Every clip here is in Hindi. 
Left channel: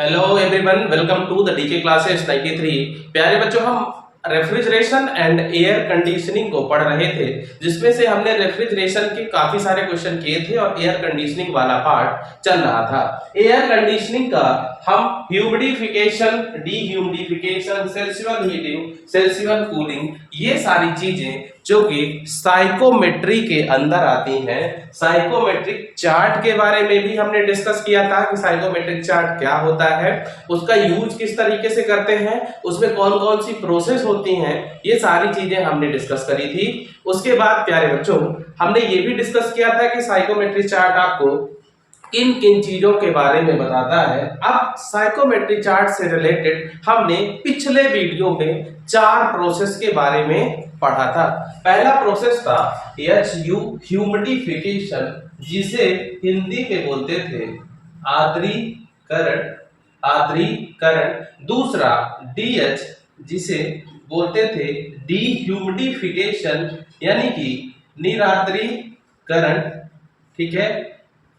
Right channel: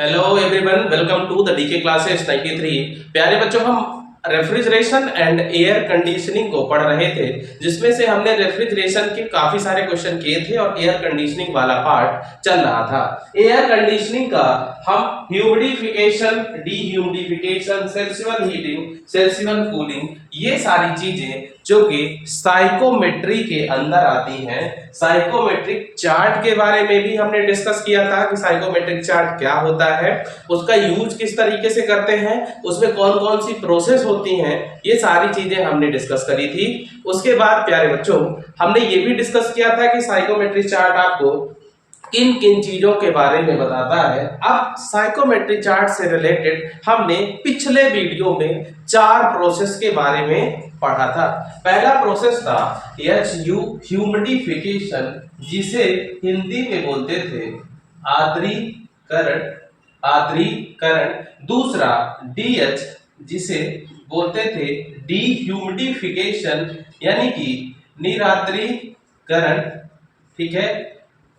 Hello everyone, welcome to the DK classes 93। प्यारे बच्चों, हम रेफ्रिजरेशन एंड एयर कंडीशनिंग को पढ़ रहे थे, जिसमें से हमने रेफ्रिजरेशन के काफी सारे क्वेश्चन किए थे और एयर कंडीशनिंग वाला पार्ट चल रहा था। एयर कंडीशनिंग का हम ह्यूमिडिफिकेशन, डीह्यूमिडिफिकेशन, सेल्सिबल हीटिंग, सेल्सिबल कूलिंग, ये सारी चीजें जो कि साइकोमेट्री के अंदर आती हैं। साइकोमेट्रिक चार्ट के बारे में भी हमने डिस्कस किया था कि साइकोमेट्रिक चार्ट क्या होता है, उसका यूज किस तरीके से करते हैं, उसमें कौन कौन सी प्रोसेस होती हैं, ये सारी चीजें हमने डिस्कस करी थी। उसके बाद प्यारे बच्चों, हमने ये भी डिस्कस किया था कि साइकोमेट्रिक चार्ट आपको किन किन चीजों के बारे में बताता है। अब साइकोमेट्रिक चार्ट से रिलेटेड हमने पिछले वीडियो में 4 प्रोसेस के बारे में पढ़ा था। पहला प्रोसेस था ह्यूमिडिफिकेशन, जिसे हिंदी में बोलते थे आर्द्रीकरण। दूसरा डीएच, जिसे बोलते थे डीह्यूमिडिफिकेशन, यानी कि निरार्द्रीकरण। ठीक है।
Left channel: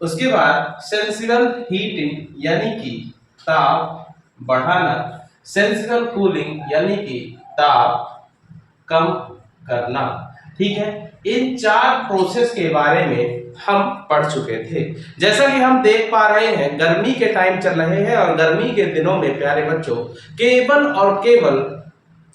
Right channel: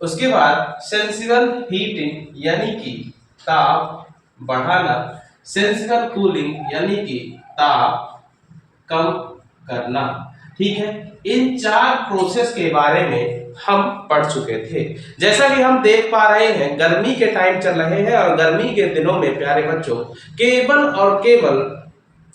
उसके बाद सेंसिबल हीटिंग, यानी कि ताप बढ़ाना। सेंसिबल कूलिंग, यानी कि ताप कम करना। ठीक है। इन 4 प्रोसेस के बारे में हम पढ़ चुके थे। जैसा कि हम देख पा रहे हैं, गर्मी के टाइम चल रहे हैं और गर्मी के दिनों में प्यारे बच्चों, केवल और केवल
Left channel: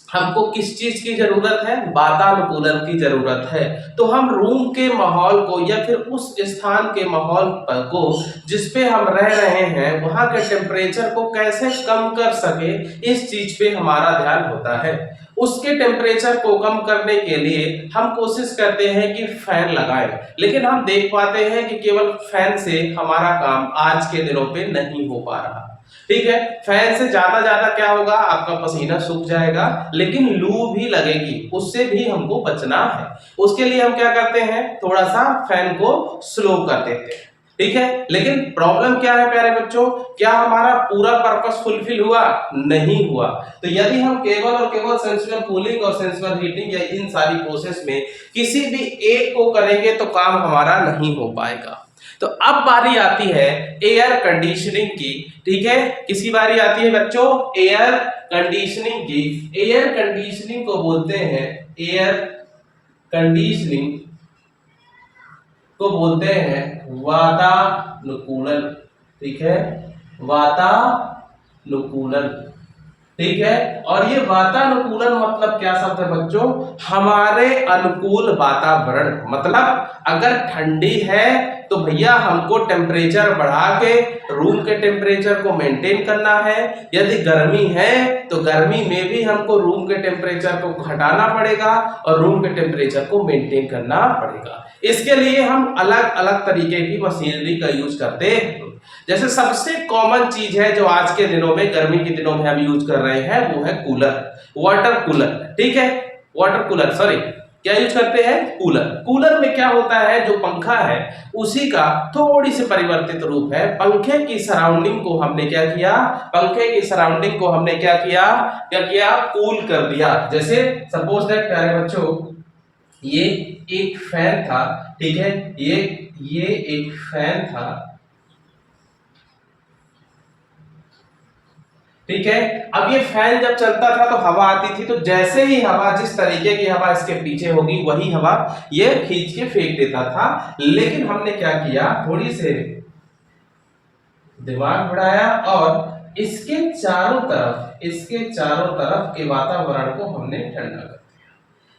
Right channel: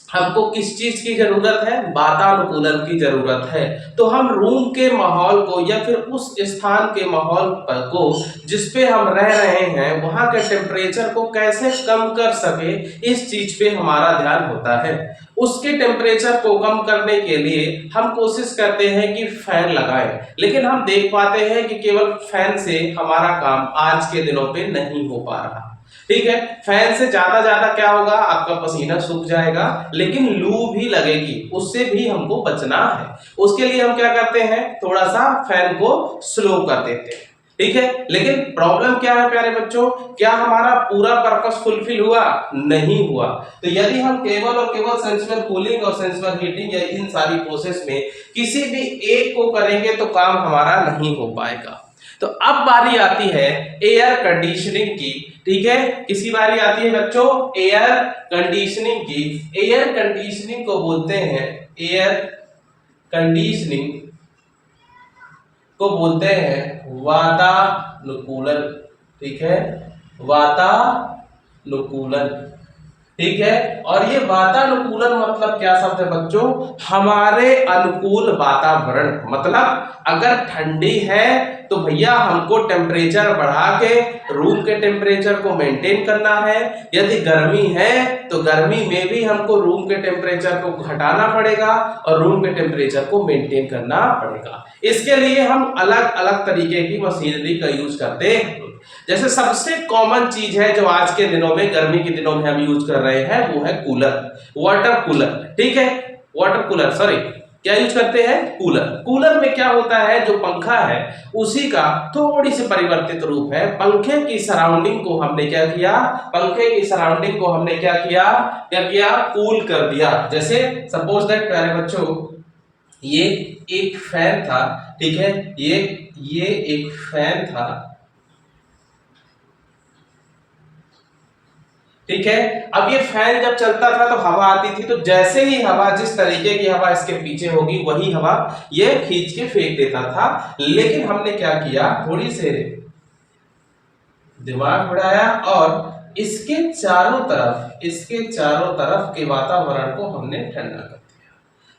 हमको किस चीज की जरूरत है? वातानुकूलन की जरूरत है। तो हम रूम के माहौल को या फिर उस स्थान के माहौल को जिस पे हम रह रहे हैं, वहां के टेम्परेचर को कैसे कम कर सके, इस चीज पे हमारा ध्यान होता है। उसके टेम्परेचर को कम करने के लिए हम कोशिश करते हैं कि फैन लगाएं, लेकिन हम देख पाते हैं कि केवल फैन से हमारा काम आज के दिनों पे नहीं हो पा रहा। ठीक है। फैन से ज्यादा क्या होगा? आपका पसीना सूख जाएगा, लेकिन लू भी लगेगी, उससे भी हमको बचना है। उसके लिए हम क्या करते हैं? थोड़ा सा फैन को स्लो कर देते हैं। ठीक है। लेकिन प्रॉब्लम क्या है प्यारे बच्चों? क्या हमारा पूरा पर्पस फुलफिल हुआ? नहीं हुआ। तो यदि हम केवल और केवल सेंसिबल कूलिंग और सेंसिबल हीटिंग या इन सारी प्रोसेस में किसी भी एक को करेंगे तो काम हमारा नहीं हो पाएगा। तो अब बारी आती है एयर कंडीशनिंग की। ठीक है। किसकी बारी आती है बच्चों? एयर कंडीशनिंग की। एयर कंडीशनिंग को बोलते हैं, एयर कंडीशनिंग को बोलते हैं वातानुकूलन। ठीक है। वातानुकूलन। ठीक है। और ये वातानुकूलन मतलब क्या शब्द है बच्चों? हमारे अनुकूल वातावरण। मतलब अगर ठंडी है तो भैया हमको टेम्परेचर बढ़ा के रूम के टेम्परेचर को मेंटेन करना है। यदि गर्मी है तो गर्मी में भी हमको रूम के टेम्परेचर को घटाना पड़ेगा और रूम के टेम्परेचर को मेंटेन करना पड़ेगा। इसके लिए हम अलग अलग तरीके की मशीनरी का यूज करते हैं। जैसे सबसे कॉमन चीज है जो आज के दिनों में, गर्मी के दिनों में हम यूज कर रहे हैं, वो है कूलर, वाटर कूलर। ठीक है। वाटर कूलर, सॉरी, क्या यूज करते हैं? कूलर। कूलर में क्या होता है? जो पंखा है उसी का थोड़ी सी परिवर्तित रूप है। पंखे की सराउंडिंग को हमने क्या किया? पंखे की सराउंडिंग को हमने क्या किया? कूल कर दिया। जैसे सपोज दैट प्यारे बच्चों, ये एक फैन था। ठीक है। ये एक फैन था। ठीक है। अब ये फैन जब चलता था तो हवा आती थी, तो जैसे ही हवा, जिस तरीके की हवा इसके पीछे होगी वही हवा ये खींच के फेंक देता था। लेकिन हमने क्या किया? थोड़ी से दिमाग बढ़ाया और इसके चारों तरफ के वातावरण को हमने ठंडा कर दिया।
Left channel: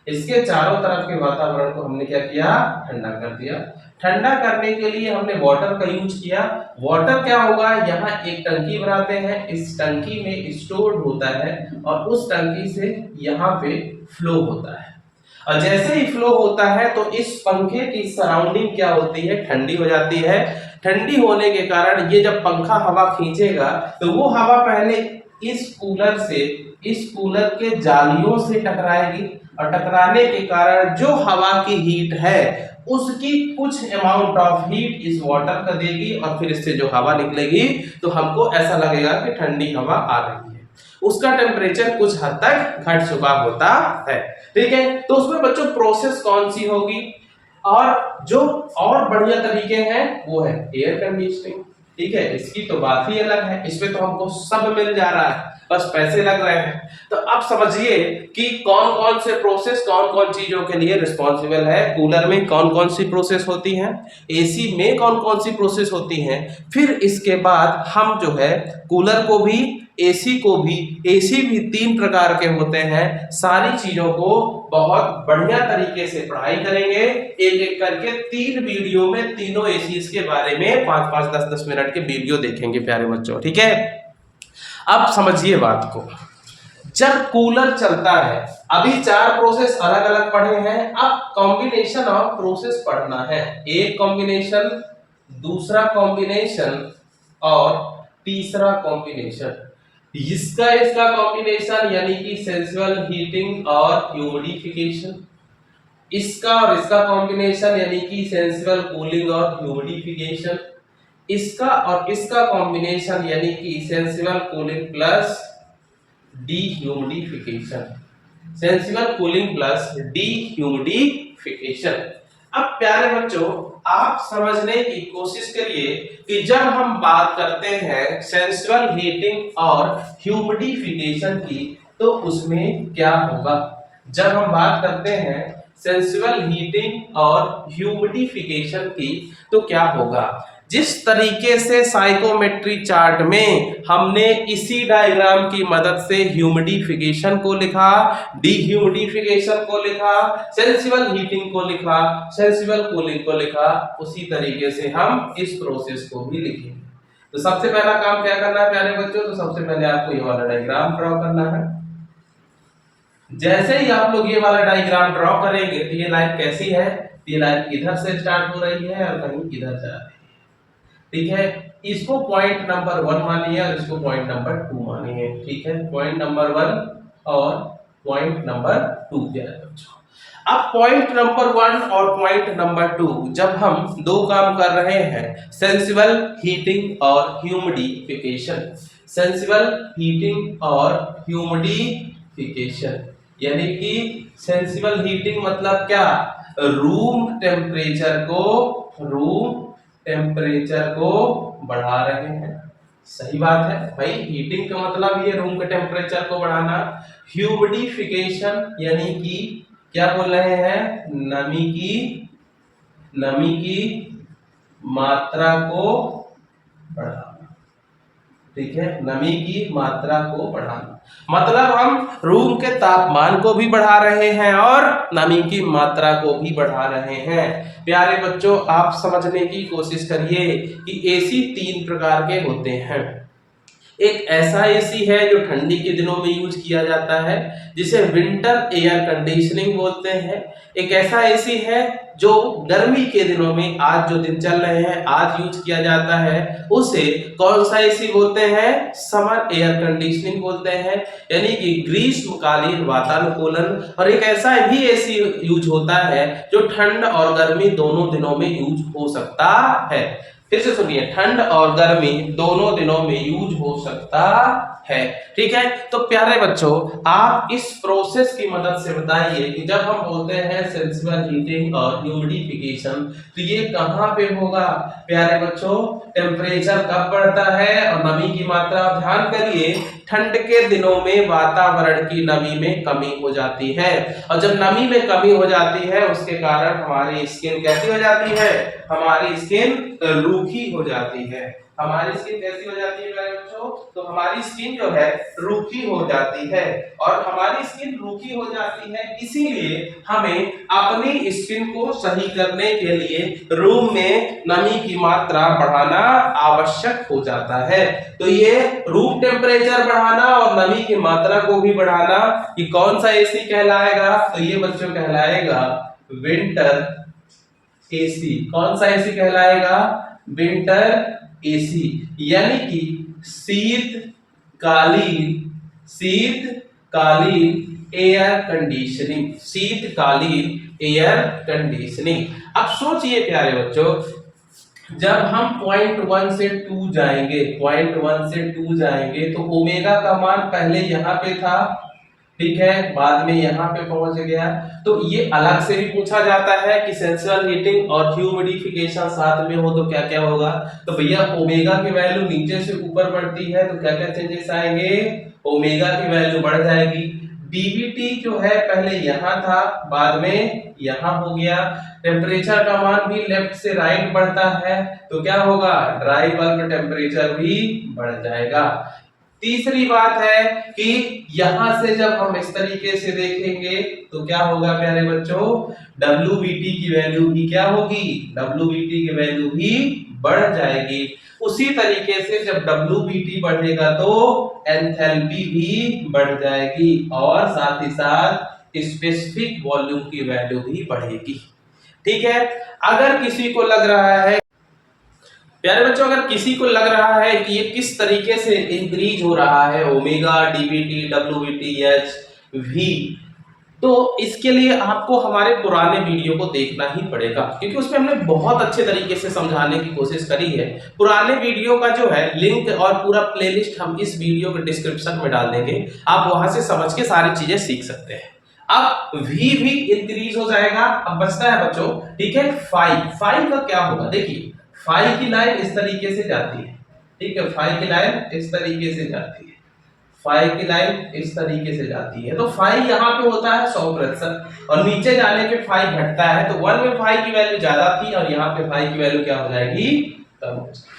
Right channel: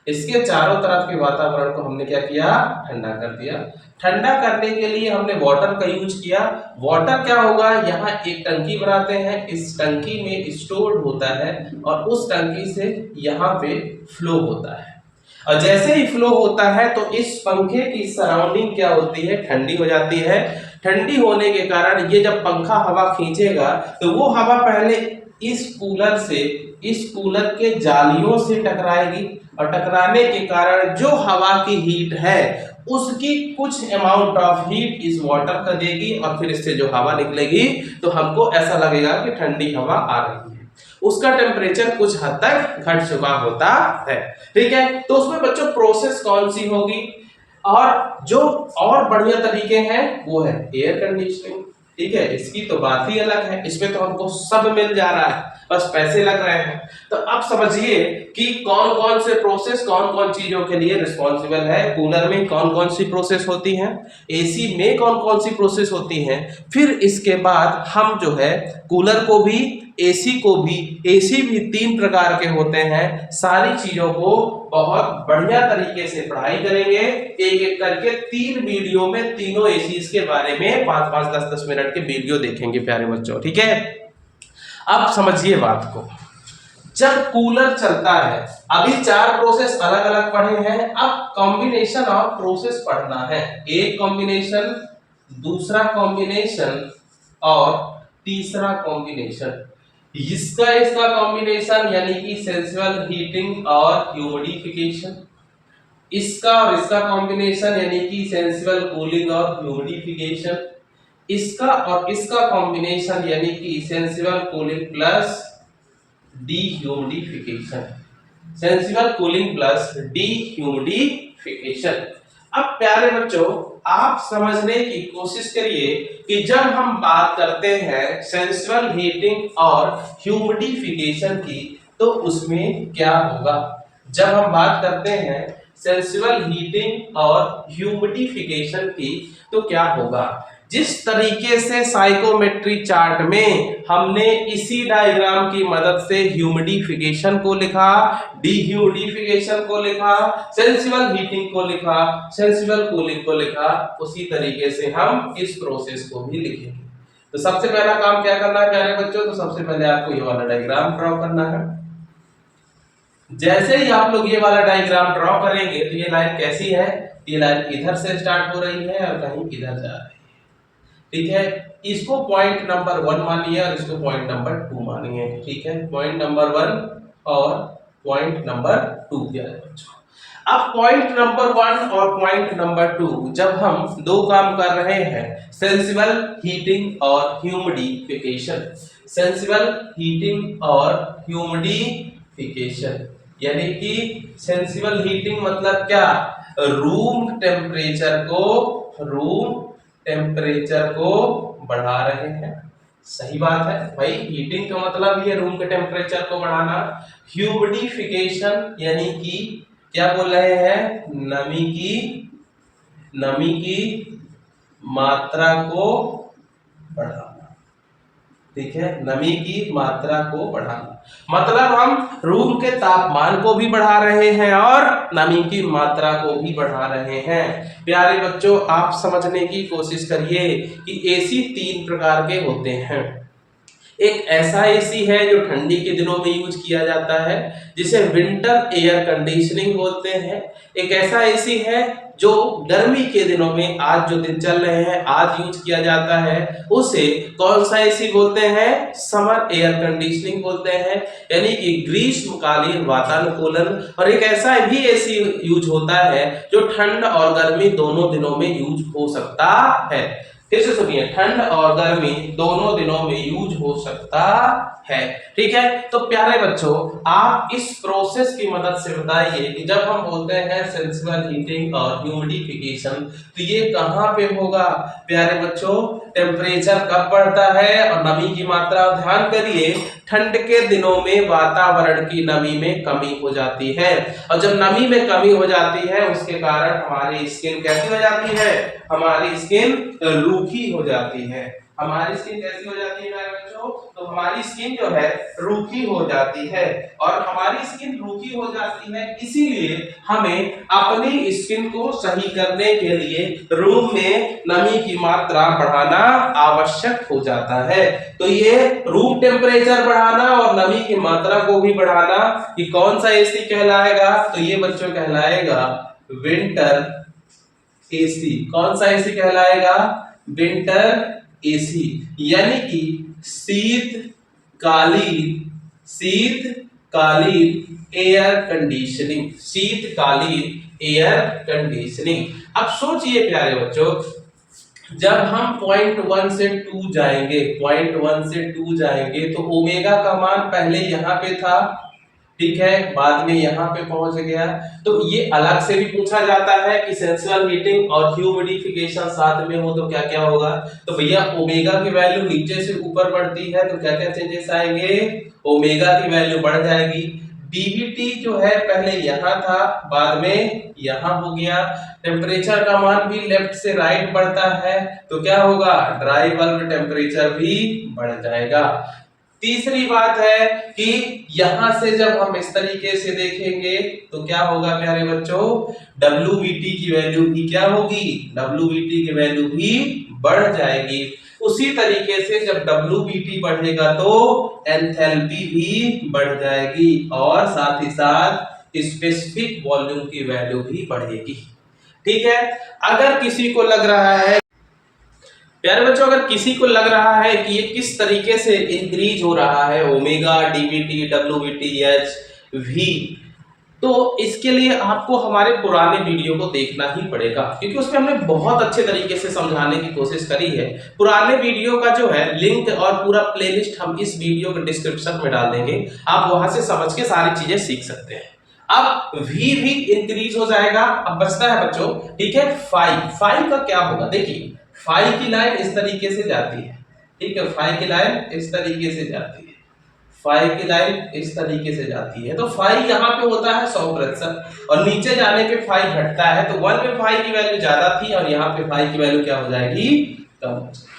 इसके चारों तरफ के वातावरण को हमने क्या किया? ठंडा कर दिया। ठंडा करने के लिए हमने वाटर का यूज किया। वाटर क्या होगा? यहाँ एक टंकी बनाते हैं, इस टंकी में स्टोर्ड होता है और उस टंकी से यहाँ पे फ्लो होता है। और जैसे ही फ्लो होता है तो इस पंखे की सराउंडिंग क्या होती है? ठंडी हो जाती है। ठंडी होने के कारण ये जब पंखा हवा खींचेगा तो वो हवा पहले इस कूलर के जालियों से टकराएगी और टकराने के कारण जो हवा की हीट है उसकी कुछ अमाउंट ऑफ हीट इस वाटर का देगी और फिर इससे जो हवा निकलेगी तो हमको ऐसा लगेगा कि ठंडी हवा आ रही है। उसका टेम्परेचर कुछ हद तक घट चुका होता है। ठीक है। तो उसमें बच्चों प्रोसेस कौन सी होगी? और जो और बढ़िया तरीके हैं वो है एयर कंडीशनिंग। ठीक है, इसकी तो बात ही अलग है, इसमें तो हमको सब मिल जा रहा है, बस पैसे लग रहे हैं। तो अब समझिए कि कौन कौन से प्रोसेस कौन कौन चीजों के लिए रिस्पॉन्सिबल है, कूलर में कौन कौन सी प्रोसेस होती हैं, एसी में कौन कौन सी प्रोसेस होती हैं। फिर इसके बाद हम जो है कूलर को भी एसी को भी, एसी भी 3 प्रकार के होते हैं, सारी चीजों को बहुत बढ़िया तरीके से पढ़ाई करेंगे, एक एक करके 3 वीडियो में तीनों एसीज के बारे में 5-5 10-10 मिनट के वीडियो देखेंगे प्यारे बच्चों, ठीक है। अब समझिए बात को, जब कूलर चलता है, अभी 4 प्रोसेस अलग अलग पढ़े हैं, अब कॉम्बिनेशन ऑफ प्रोसेस पढ़ना है, एक कॉम्बिनेशन, दूसरा कॉम्बिनेशन और तीसरा कॉम्बिनेशन। इसका इसका कॉम्बिनेशन यानी कि सेंसुअल हीटिंग और ह्यूमिडिफिकेशन, इसका और इसका कॉम्बिनेशन यानी कि सेंसुअल कूलिंग और ह्यूमिडिफिकेशन, इसका और इसका कॉम्बिनेशन यानी कि sensual cooling plus dehumidification, sensual cooling plus dehumidification. अब प्यारे बच्चों आप समझने की कोशिश करिए कि जब हम बात करते हैं सेंसुअल हीटिंग और ह्यूमिडिफिकेशन की तो उसमें क्या होगा। जब हम बात करते हैं सेंसुअल हीटिंग और ह्यूमिडिफिकेशन की तो क्या होगा। जिस तरीके से साइकोमेट्री चार्ट में हमने इसी डायग्राम की मदद से ह्यूमिडिफिकेशन को लिखा, डीह्यूमिडिफिकेशन को लिखा, सेंसुअल हीटिंग को लिखा, सेंसुअल कूलिंग को लिखा, उसी तरीके से हम इस प्रोसेस को भी लिखेंगे। तो सबसे पहला काम क्या करना है प्यारे बच्चों, तो सबसे पहले आपको ये वाला डायग्राम ड्रॉ करना है। जैसे ही आप लोग ये वाला डायग्राम ड्रॉ करेंगे तो ये लाइन कैसी है, ये लाइन इधर से स्टार्ट हो रही है और कहीं इधर जा रही है, ठीक है। इसको पॉइंट नंबर 1 मानिए और इसको पॉइंट नंबर 2 मानिए, ठीक है। पॉइंट नंबर 1 और पॉइंट नंबर 2 प्यारे बच्चों। अब पॉइंट नंबर 1 और पॉइंट नंबर 2 जब हम दो काम कर रहे हैं, सेंसिबल हीटिंग और ह्यूमिडिफिकेशन, सेंसिबल हीटिंग और ह्यूमिडिफिकेशन, यानी कि सेंसिबल हीटिंग मतलब क्या, रूम टेम्परेचर को बढ़ा रहे हैं, सही बात है भाई, हीटिंग का मतलब ये रूम के टेम्परेचर को बढ़ाना। ह्यूमिडिफिकेशन यानी कि क्या बोल रहे हैं, नमी की मात्रा को बढ़ाना, ठीक है, नमी की मात्रा को बढ़ाना, मतलब हम रूम के तापमान को भी बढ़ा रहे हैं और नमी की मात्रा को भी बढ़ा रहे हैं। प्यारे बच्चों आप समझने की कोशिश करिए कि एसी 3 प्रकार के होते हैं। एक ऐसा एसी है जो ठंडी के दिनों में यूज किया जाता है जिसे विंटर एयर कंडीशनिंग बोलते हैं। एक ऐसा एसी है जो गर्मी के दिनों में, आज जो दिन चल रहे हैं आज यूज किया जाता है, उसे कौन सा एसी बोलते हैं, समर एयर कंडीशनिंग बोलते हैं, यानी कि ग्रीष्मकालीन वातानुकूलन। और एक ऐसा भी एसी यूज होता है जो ठंड और गर्मी दोनों दिनों में यूज हो सकता है। फिर से सुनिए, ठंड और गर्मी दोनों दिनों में यूज हो सकता है, ठीक है। तो प्यारे बच्चों आप इस प्रोसेस की मदद से बताइए कि जब हम बोलते हैं सेंसिबल हीटिंग और ह्यूमिडिफिकेशन तो ये कहां पे होगा। प्यारे बच्चों टेम्परेचर कब बढ़ता है और नमी की मात्रा, ध्यान करिए ठंड के दिनों में वातावरण की नमी में कमी हो जाती है, और जब नमी में कमी हो जाती है उसके कारण हमारी स्किन कैसी हो जाती है, हमारी स्किन रूखी हो जाती है। हमारी स्किन कैसी हो जाती है मेरे बच्चों, तो हमारी स्किन जो है रूखी हो जाती है, और हमारी स्किन रूखी हो जाती है इसीलिए हमें अपनी स्किन को सही करने के लिए रूम में नमी की मात्रा बढ़ाना आवश्यक हो जाता है। तो ये रूम टेम्परेचर बढ़ाना और नमी की मात्रा को भी बढ़ाना, कि कौन सा एसी कहलाएगा, तो ये बच्चों कहलाएगा विंटर एसी। कौन सा एसी कहलाएगा, विंटर एसी, यानी कि शीतकालीन एयर कंडीशनिंग, शीतकालीन एयर कंडीशनिंग। अब सोचिए प्यारे बच्चों, जब हम पॉइंट 1 से 2 जाएंगे, पॉइंट 1 से 2 जाएंगे तो ओमेगा का मान पहले यहां पे था, ठीक है, बाद में यहाँ पे पहुंच गया। तो ये अलग से भी पूछा जाता है कि सेंसुअल हीटिंग और ह्यूमिडिफिकेशन साथ में हो तो क्या क्या होगा। तो भैया ओमेगा की वैल्यू नीचे से ऊपर बढ़ती है तो क्या क्या चेंजेस आएंगे, ओमेगा की वैल्यू बढ़ जाएगी। डीवीटी जो है पहले यहाँ था, बाद में यहाँ हो गया। टेम्परेचर का मान भी लेफ्ट से राइट बढ़ता है तो क्या होगा, ड्राई बल्ब टेम्परेचर भी बढ़ जाएगा। तीसरी बात है कि यहां से जब हम इस तरीके से देखेंगे तो क्या होगा प्यारे बच्चों, WBT की वैल्यू भी क्या होगी, WBT की वैल्यू भी बढ़ जाएगी। उसी तरीके से जब WBT बढ़ेगा तो एंथैल्पी भी बढ़ जाएगी और साथ ही साथ स्पेसिफिक वॉल्यूम की वैल्यू भी बढ़ेगी। ठीक है, अगर किसी को लग रहा है प्यारे बच्चों, अगर किसी को लग रहा है कि ये किस तरीके से इंक्रीज हो रहा है omega, DVT, WBT, H, V, तो इसके लिए आपको हमारे पुराने वीडियो को देखना ही पड़ेगा क्योंकि उसमें हमने बहुत अच्छे तरीके से समझाने की कोशिश करी है। पुराने वीडियो का जो है लिंक और पूरा प्लेलिस्ट हम इस वीडियो के डिस्क्रिप्शन में डाल देंगे, आप वहां से समझ के सारी चीजें सीख सकते हैं। अब V भी इंक्रीज हो जाएगा। अब बचता है बच्चों, ठीक है, फाइव का क्या होगा, देखिए फाइव की लाइन इस तरीके से जाती है, ठीक है, फाइव की लाइन इस तरीके से जाती है, फाइव की लाइन इस तरीके से जाती है। तो फाइव यहाँ पे होता है 100% और नीचे जाने पे फाइव घटता है। तो 1 में फाइव की वैल्यू ज्यादा थी और यहाँ पे फाइव की वैल्यू क्या हो जाएगी, कम हो जाएगी।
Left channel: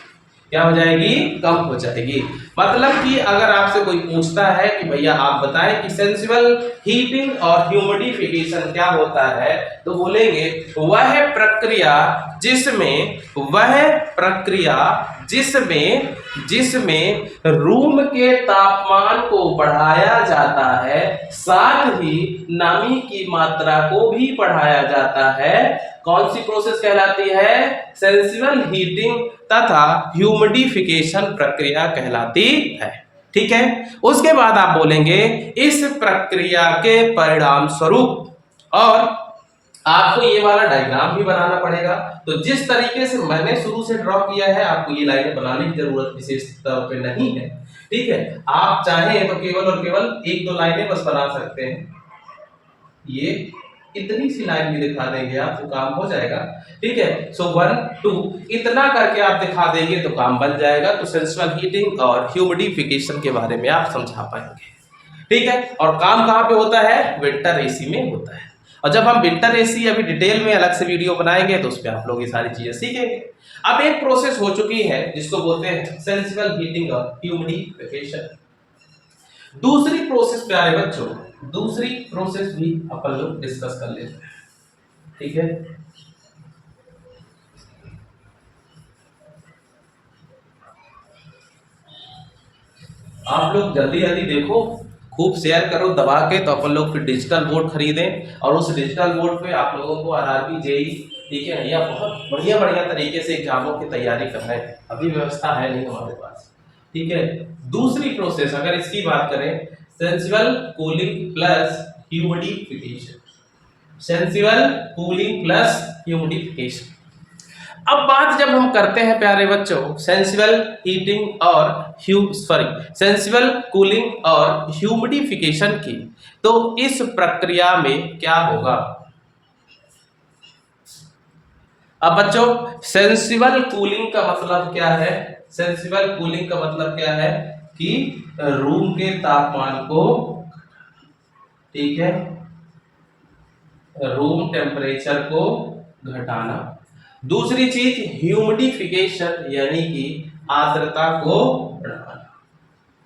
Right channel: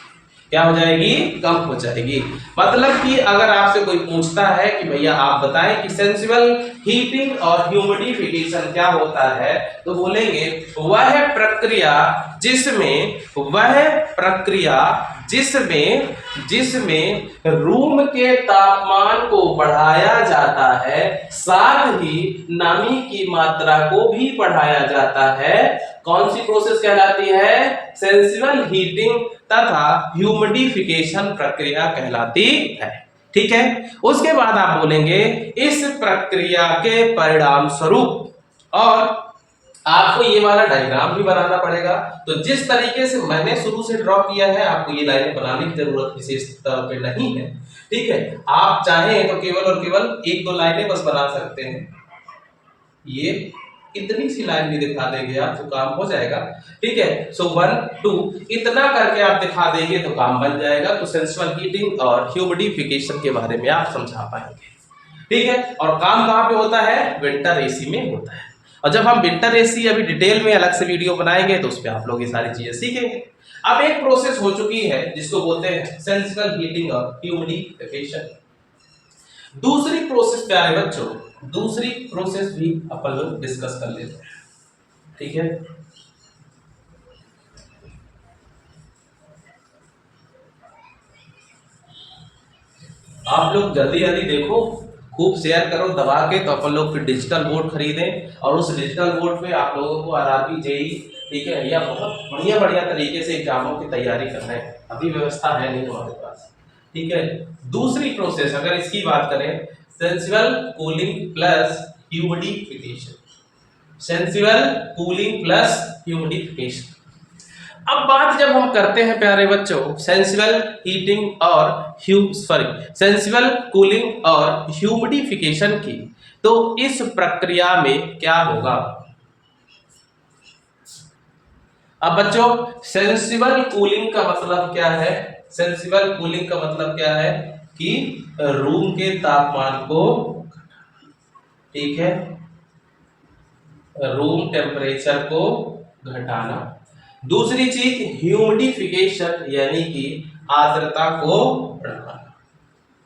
क्या हो जाएगी, कम हो जाएगी। मतलब कि अगर आपसे कोई पूछता है कि भैया आप बताएं कि सेंसिबल हीटिंग और ह्यूमिडिफिकेशन क्या होता है, तो बोलेंगे वह प्रक्रिया जिसमें रूम के तापमान को बढ़ाया जाता है, साथ ही नमी की मात्रा को भी बढ़ाया जाता है। कौन सी प्रोसेस कहलाती है, सेंसिबल हीटिंग तथा ह्यूमिडिफिकेशन प्रक्रिया कहलाती है। ठीक है, उसके बाद आप बोलेंगे इस प्रक्रिया के परिणाम स्वरूप, और आपको ये वाला डायग्राम भी बनाना पड़ेगा। तो जिस तरीके से मैंने शुरू से ड्रॉ किया है आपको ये लाइनें बनाने की जरूरत विशेष तौर पे नहीं है। ठीक है, आप चाहें तो केवल और केवल 1-2 लाइनें बस बना सकते हैं, ये इतनी सी लाइन भी दिखा देंगे आप तो काम हो जाएगा। ठीक है, सो 1 2 इतना करके आप दिखा देंगे तो काम बन जाएगा। तो सेंसिबल हीटिंग और ह्यूमिडिफिकेशन के बारे में आप समझा पाएंगे। ठीक है, और काम कहाँ पे होता है, विंटर एसी में होता है। और जब हम विंटर एसी अभी डिटेल में अलग से वीडियो बनाएंगे तो उस पर आप लोग ये सारी चीजें सीखेंगे। अब एक प्रोसेस हो चुकी है जिसको बोलते हैं सेंसिबल हीटिंग और ह्यूमिडिफिकेशन। दूसरी प्रोसेस प्यारे बच्चों, दूसरी प्रोसेस भी अपन लोग डिस्कस कर लेते हैं। ठीक है, आप लोग जल्दी जल्दी देखो, खूब शेयर करो दबा के, तो अपन लोग फिर डिजिटल बोर्ड खरीदें और उस डिजिटल बोर्ड पे आप लोगों को आरआरबी, जेई, ठीक है, या बहुत बढ़िया बढ़िया तरीके से एग्जामों की तैयारी करना है। अभी व्यवस्था है नहीं हमारे पास। ठीक है, दूसरी प्रोसेस अगर इसकी बात करें, sensible cooling plus humidification, sensible cooling plus humidification. अब बात जब हम करते हैं प्यारे बच्चों सेंसिबल हीटिंग और सेंसिबल कूलिंग और ह्यूमिडिफिकेशन की, तो इस प्रक्रिया में क्या होगा। अब बच्चों सेंसिबल कूलिंग का मतलब क्या है, सेंसिबल कूलिंग का मतलब क्या है कि रूम के तापमान को, ठीक है, रूम टेम्परेचर को घटाना। दूसरी चीज ह्यूमिडिफिकेशन यानी कि आर्द्रता को बढ़ाना।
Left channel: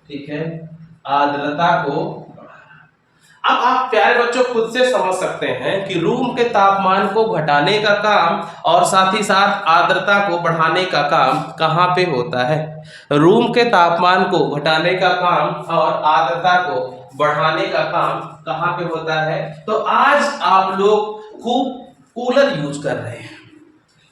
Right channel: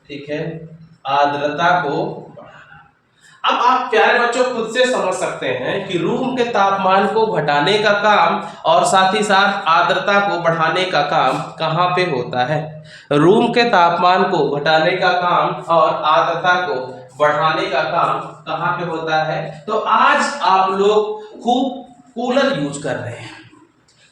ठीक है, आर्द्रता को बढ़ाना। अब आप प्यारे बच्चों खुद से समझ सकते हैं कि रूम के तापमान को घटाने का काम और साथ ही साथ आर्द्रता को बढ़ाने का काम कहाँ पे होता है। रूम के तापमान को घटाने का काम और आर्द्रता को बढ़ाने का काम कहाँ पे होता है। तो आज आप लोग खूब कूलर यूज कर रहे हैं,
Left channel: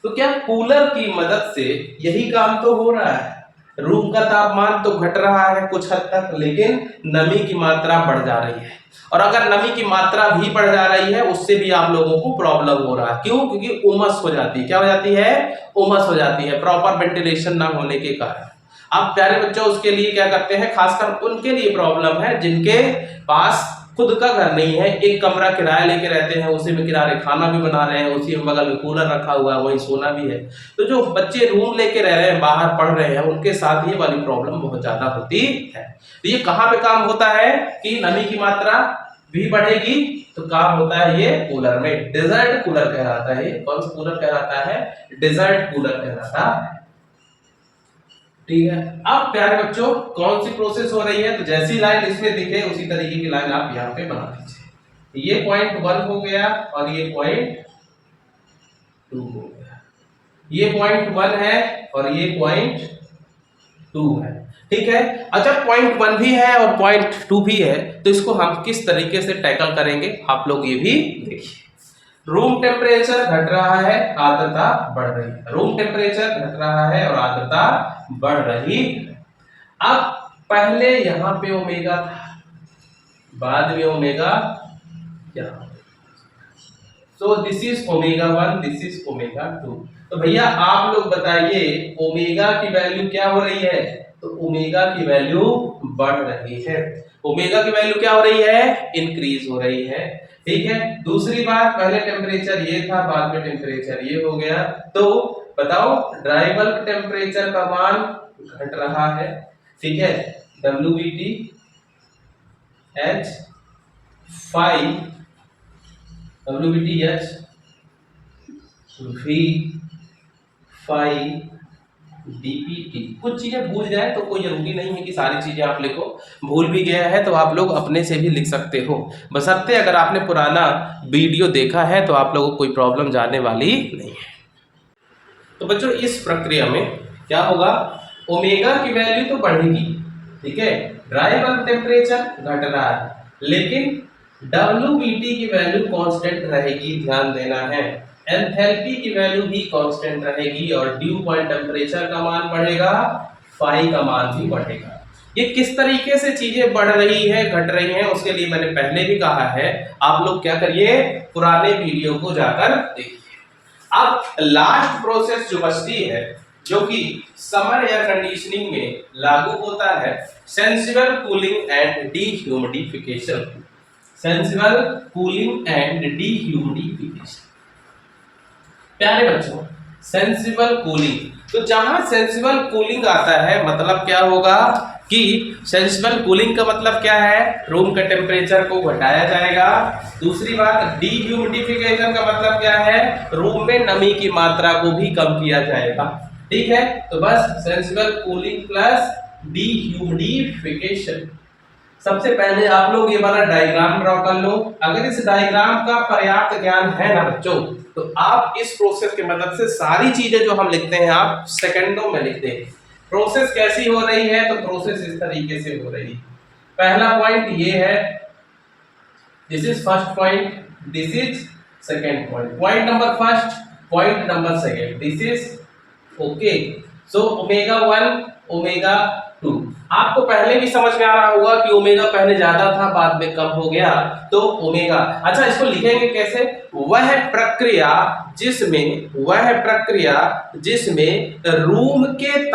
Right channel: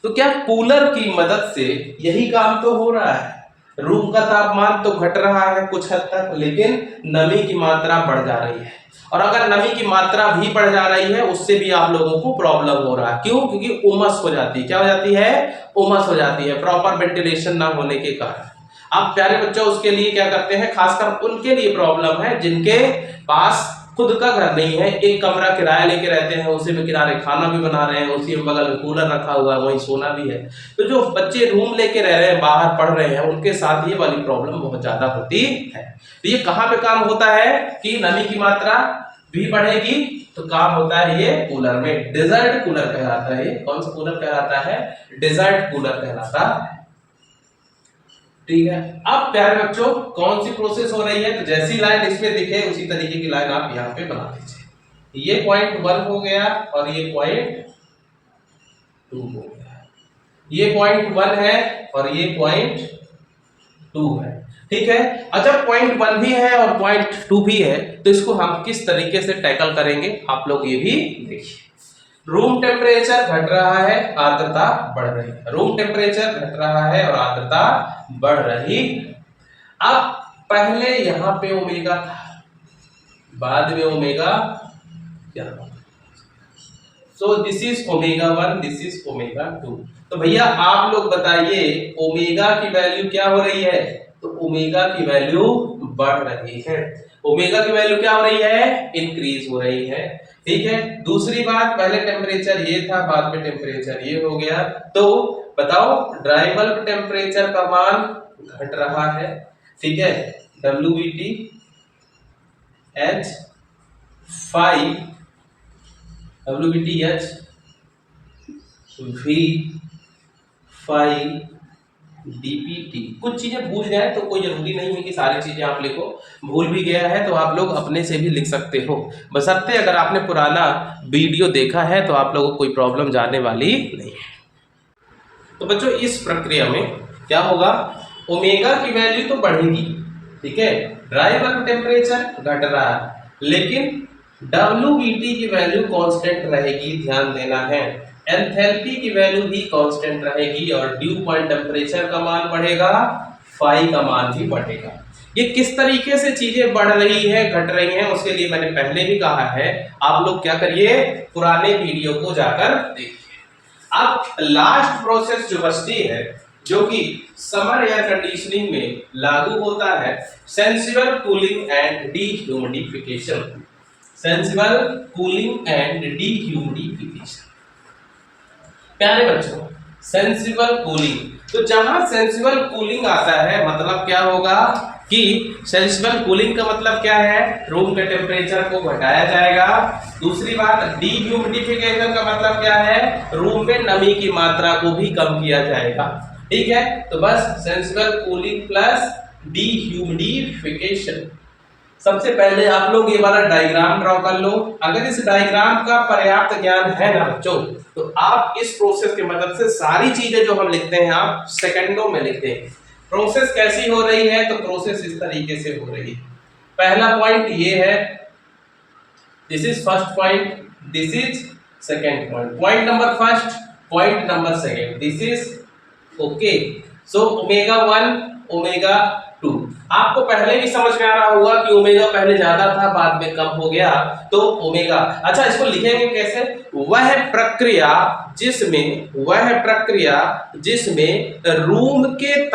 तो क्या कूलर की मदद से यही काम तो हो रहा है। रूम का तापमान तो घट रहा है कुछ हद तक, लेकिन नमी की मात्रा बढ़ जा रही है। और अगर नमी की मात्रा भी बढ़ जा रही है उससे भी आप लोगों को प्रॉब्लम हो रहा है। क्यों, क्योंकि उमस हो जाती है। क्या हो जाती है, उमस हो जाती है, प्रॉपर वेंटिलेशन ना होने के कारण। अब प्यारे बच्चों उसके लिए क्या करते हैं, खासकर उनके लिए प्रॉब्लम है जिनके पास खुद का घर नहीं है, एक कमरा किराया लेके रहते हैं, उसी में किराए खाना भी बना रहे हैं, उसी में बगल में कूलर रखा हुआ है, वहीं सोना भी है। तो जो बच्चे रूम लेके रह रहे हैं, बाहर पढ़ रहे हैं, उनके साथ ये वाली प्रॉब्लम बहुत ज्यादा होती है। तो ये कहाँ पे काम होता है कि नमी की मात्रा भी बढ़ेगी, तो काम होता है ये कूलर में। डेजर्ट कूलर कहलाता है। ये कौन सा कूलर कहलाता है? डेजर्ट कूलर कहलाता है। ठीक है, अब प्यारे बच्चों कौन सी प्रोसेस हो रही है, तो जैसी लाइन इसमें दिखे उसी तरीके की लाइन आप यहाँ पे बना दीजिए। ये पॉइंट 1 हो गया और ये पॉइंट 2 हो गया। ये पॉइंट 1 है और ये पॉइंट 2 है। ठीक है, अच्छा पॉइंट 1 भी है और पॉइंट 2 भी है, तो इसको हम किस तरीके से टैकल करेंगे आप लोग ये भी देखिए। रूम टेम्परेचर घट रहा है, आर्द्रता बढ़ रही है। रूम टेम्परेचर घट रहा है और आर्द्रता बढ़ रही है। अब पहले यहां पे ओमेगा था, बाद में ओमेगा यहां। So this is omega 1, this is omega 2। तो भैया आप लोग बताइए ओमेगा की वैल्यू क्या हो रही है? तो ओमेगा की वैल्यू बढ़ रही है। ओमेगा की वैल्यू क्या हो रही है? इंक्रीज हो रही है। ठीक है, दूसरी बात, पहले टेम्परेचर ये था, बाद में टेम्परेचर ये हो गया। तो बताओ ड्राई बल्ब टेम्परेचर का मान घट रहा है। ठीक है, WBT H 5 WBTH V5 DPT। कुछ चीजें भूल जाए तो कोई जरूरी नहीं है कि सारी चीजें आप लिखो, भूल भी गया है तो आप लोग अपने से भी लिख सकते हो, बशर्ते अगर आपने पुराना वीडियो देखा है तो आप लोगों को कोई प्रॉब्लम जाने वाली नहीं है। तो बच्चों इस प्रक्रिया में क्या होगा, ओमेगा की वैल्यू तो बढ़ेगी, ठीक है, ड्राई बल्ब टेम्परेचर घट रहा है, लेकिन WBT की वैल्यू कांस्टेंट रहेगी, ध्यान देना है। एंथैल्पी की वैल्यू भी कांस्टेंट रहेगी और ड्यू पॉइंट टेम्परेचर का मान बढ़ेगा, फाई का मान भी बढ़ेगा। ये किस तरीके से चीजें बढ़ रही है घट रही हैं उसके लिए मैंने पहले भी कहा है, आप लोग क्या करिए पुराने वीडियो को जाकर देखिए। अब लास्ट प्रोसेस जो बचती है जो कि समर एयर कंडीशनिंग में लागू होता है, sensible cooling and dehumidification. Sensible cooling and dehumidification. प्यारे बच्चों सेंसिबल कूलिंग, तो जहां सेंसिबल कूलिंग आता है मतलब क्या होगा कि सेंसिबल कूलिंग का मतलब क्या है, रूम के टेम्परेचर को घटाया जाएगा। दूसरी बात डीह्यूमिडिफिकेशन का मतलब क्या है, रूम में नमी की मात्रा को भी कम किया जाएगा। ठीक है, तो बस सेंसिबल कूलिंग प्लस डीह्यूमिडिफिकेशन। सबसे पहले आप लोग ये वाला डायग्राम ड्रॉ कर लो। अगर इस डायग्राम का पर्याप्त ज्ञान है ना बच्चों, तो आप इस प्रोसेस की मदद से सारी चीजें जो हम लिखते हैं आप सेकंडों में लिखते हैं। प्रोसेस कैसी हो रही है, तो प्रोसेस इस तरीके से हो रही है। पहला पॉइंट ये है, this is first point, this is second point, point number first, point number second, this is okay. So omega 1 omega 2 आपको पहले भी समझ में आ रहा होगा कि ओमेगा पहले ज्यादा था बाद में कम हो गया, तो ओमेगा। अच्छा इसको लिखेंगे कैसे, वह प्रक्रिया जिसमें रूम के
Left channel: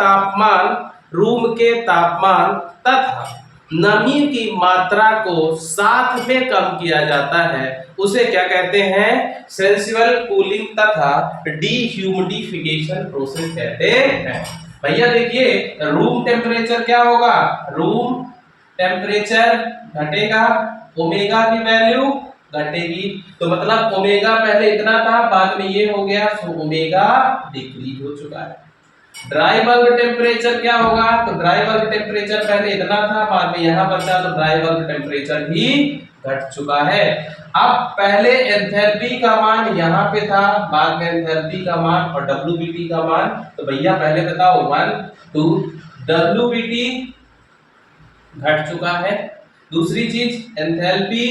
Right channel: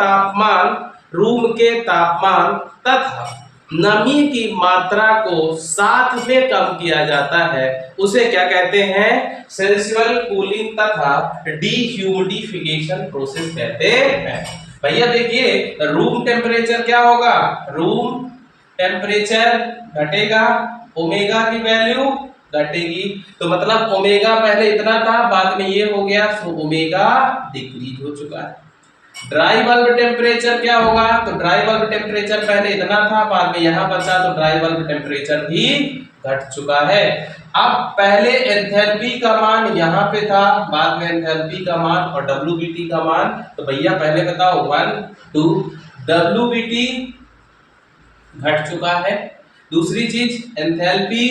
तापमान तथा नमी की मात्रा को साथ में कम किया जाता है उसे क्या कहते हैं, सेंसिबल कूलिंग तथा डीह्यूमिडिफिकेशन प्रोसेस कहते हैं। भैया देखिए रूम टेम्परेचर क्या होगा, रूम टेम्परेचर घटेगा, ओमेगा की वैल्यू घटेगी, तो मतलब ओमेगा पहले इतना था बाद में ये हो गया, सो ओमेगा डिक्रीज हो चुका है। ड्राई बल्ब टेम्परेचर क्या होगा, तो ड्राई बल्ब टेम्परेचर पहले इतना था बाद में यहां बचा, तो ड्राई बल्ब टेम्परेचर भी घट चुका है। अब पहले एंथैल्पी का मान यहाँ पे था, बाद में एंथैल्पी का मान और WBT का मान, तो भैया पहले बताओ 1 2 WBT घट चुका है, दूसरी चीज एंथैल्पी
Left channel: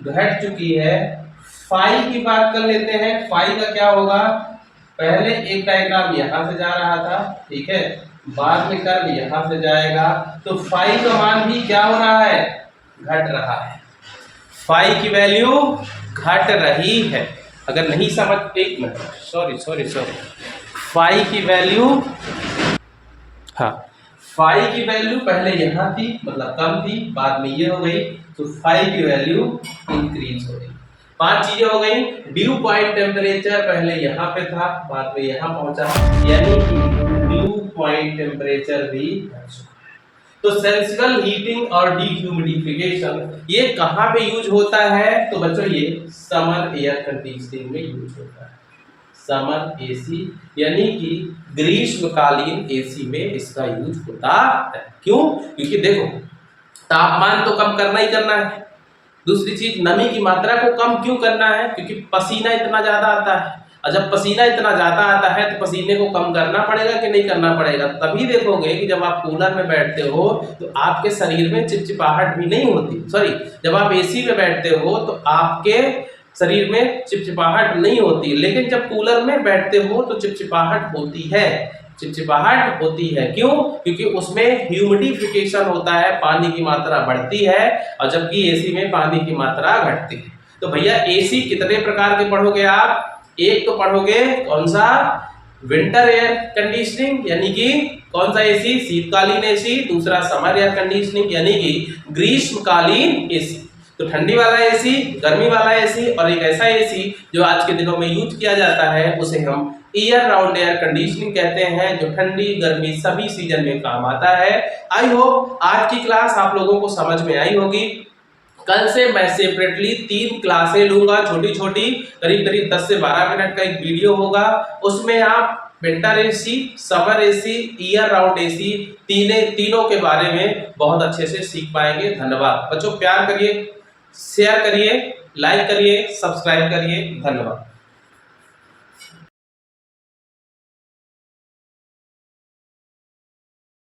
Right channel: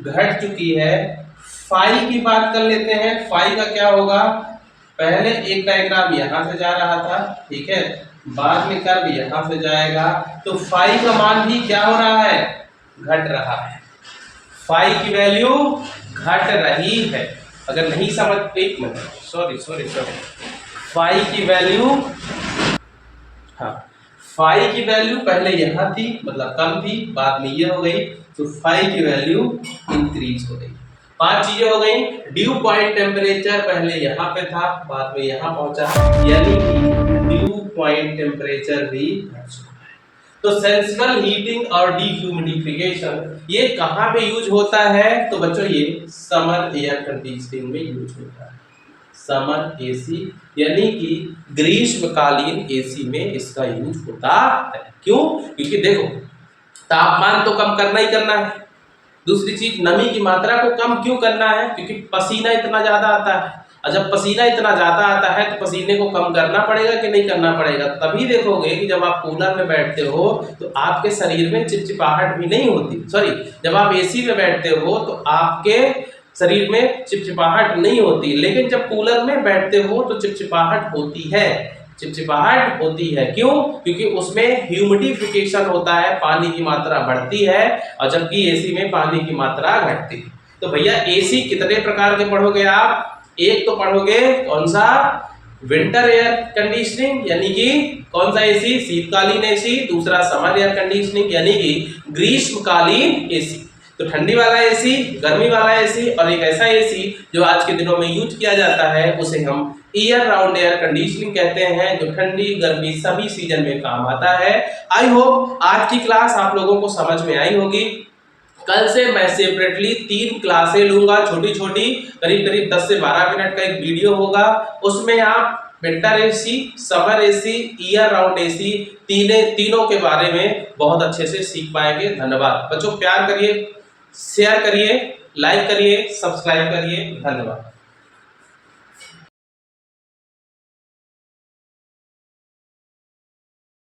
घट चुकी है। फाई की बात कर लेते हैं, फाई का क्या होगा, पहले एक डायग्राम यहां से जा रहा था, ठीक है, बाद में कर्व यहां से जाएगा, तो फाई का मान भी क्या हो रहा है, घट रहा है। फाई की वैल्यू घट रही है। अगर नहीं समझ, एक मिनट, सॉरी फाई की वैल्यू, हाँ फाई की वैल्यू पहले यहां थी मतलब कम थी, बाद में ये हो गई, तो फाई की वैल्यू इंक्रीज हो गई। 5 चीजें हो गई। ड्यू पॉइंट टेम्परेचर पहले यहाँ पे था, बाद में यहाँ पहुंचा, यानी कि ड्यू पॉइंट टेम्परेचर भी बढ़ चुका। तो सेंसिबल हीटिंग और डिह्यूमिडिफिकेशन ये कहाँ पे यूज होता है? तो बच्चों ये समर एयर कंडीशनिंग में यूज होता है। समर एसी यानी कि ग्रीष्मकालीन एसी में इसका यूज होता है। क्यों? क्योंकि देखो तापमान तो कम करना ही करना है। दूसरी चीज नमी की मात्रा को कम क्यों करना है? क्योंकि पसीना इतना ज्यादा आता है, और जब पसीना इतना ज्यादा आता है तो पसीने को कम करना पड़ेगा कि नहीं करना पड़ेगा? तभी देखोगे कि जब आप कूलर में बैठते हो तो आपके शरीर में चिपचिपाहट भी नहीं होती। सॉरी, जब आप एसी में बैठते हो तो आपके शरीर में चिपचिपाहट नहीं होती, लेकिन जब कूलर में बैठते हो तो चिपचिपाहट होती है। चिपचिपाहट होती है क्यों? क्योंकि उसमें ह्यूमिडिफिकेशन होता है, पानी की मात्रा बढ़ती है, और जबकि एसी में पानी की मात्रा घटती है। तो भैया एसी कितने प्रकार के पढ़ोगे आप? एक तो पढ़ोगे कौन सा? विंटर एयर कंडीशनिंग यानी कि कौन सा एसी? शीतकालीन एसी। दूसरा समर एयर कंडीशनिंग यानी कि ग्रीष्मकालीन एसी। तो ठंडी वाला एसी, गर्मी वाला एसी, और एक ऐसा एसी जो आज के दिनों में यूज किया जाता है उसे हम ईयर राउंड एयर कंडीशनिंग कहते हैं, जो ठंडी गर्मी सभी सीजन में काम आता है। आई होप आज की क्लास आप लोगों को समझ में आई होगी। कल से मैं सेपरेटली 3 क्लासें लूंगा, छोटी छोटी, करीब करीब 10 से 12 मिनट का एक वीडियो होगा। उसमें आप winter AC, summer AC, year round AC तीनों के बारे में बहुत अच्छे से सीख पाएंगे। धन्यवाद बच्चों, प्यार करिए, शेयर करिए, लाइक करिए, सब्सक्राइब करिए। धन्यवाद।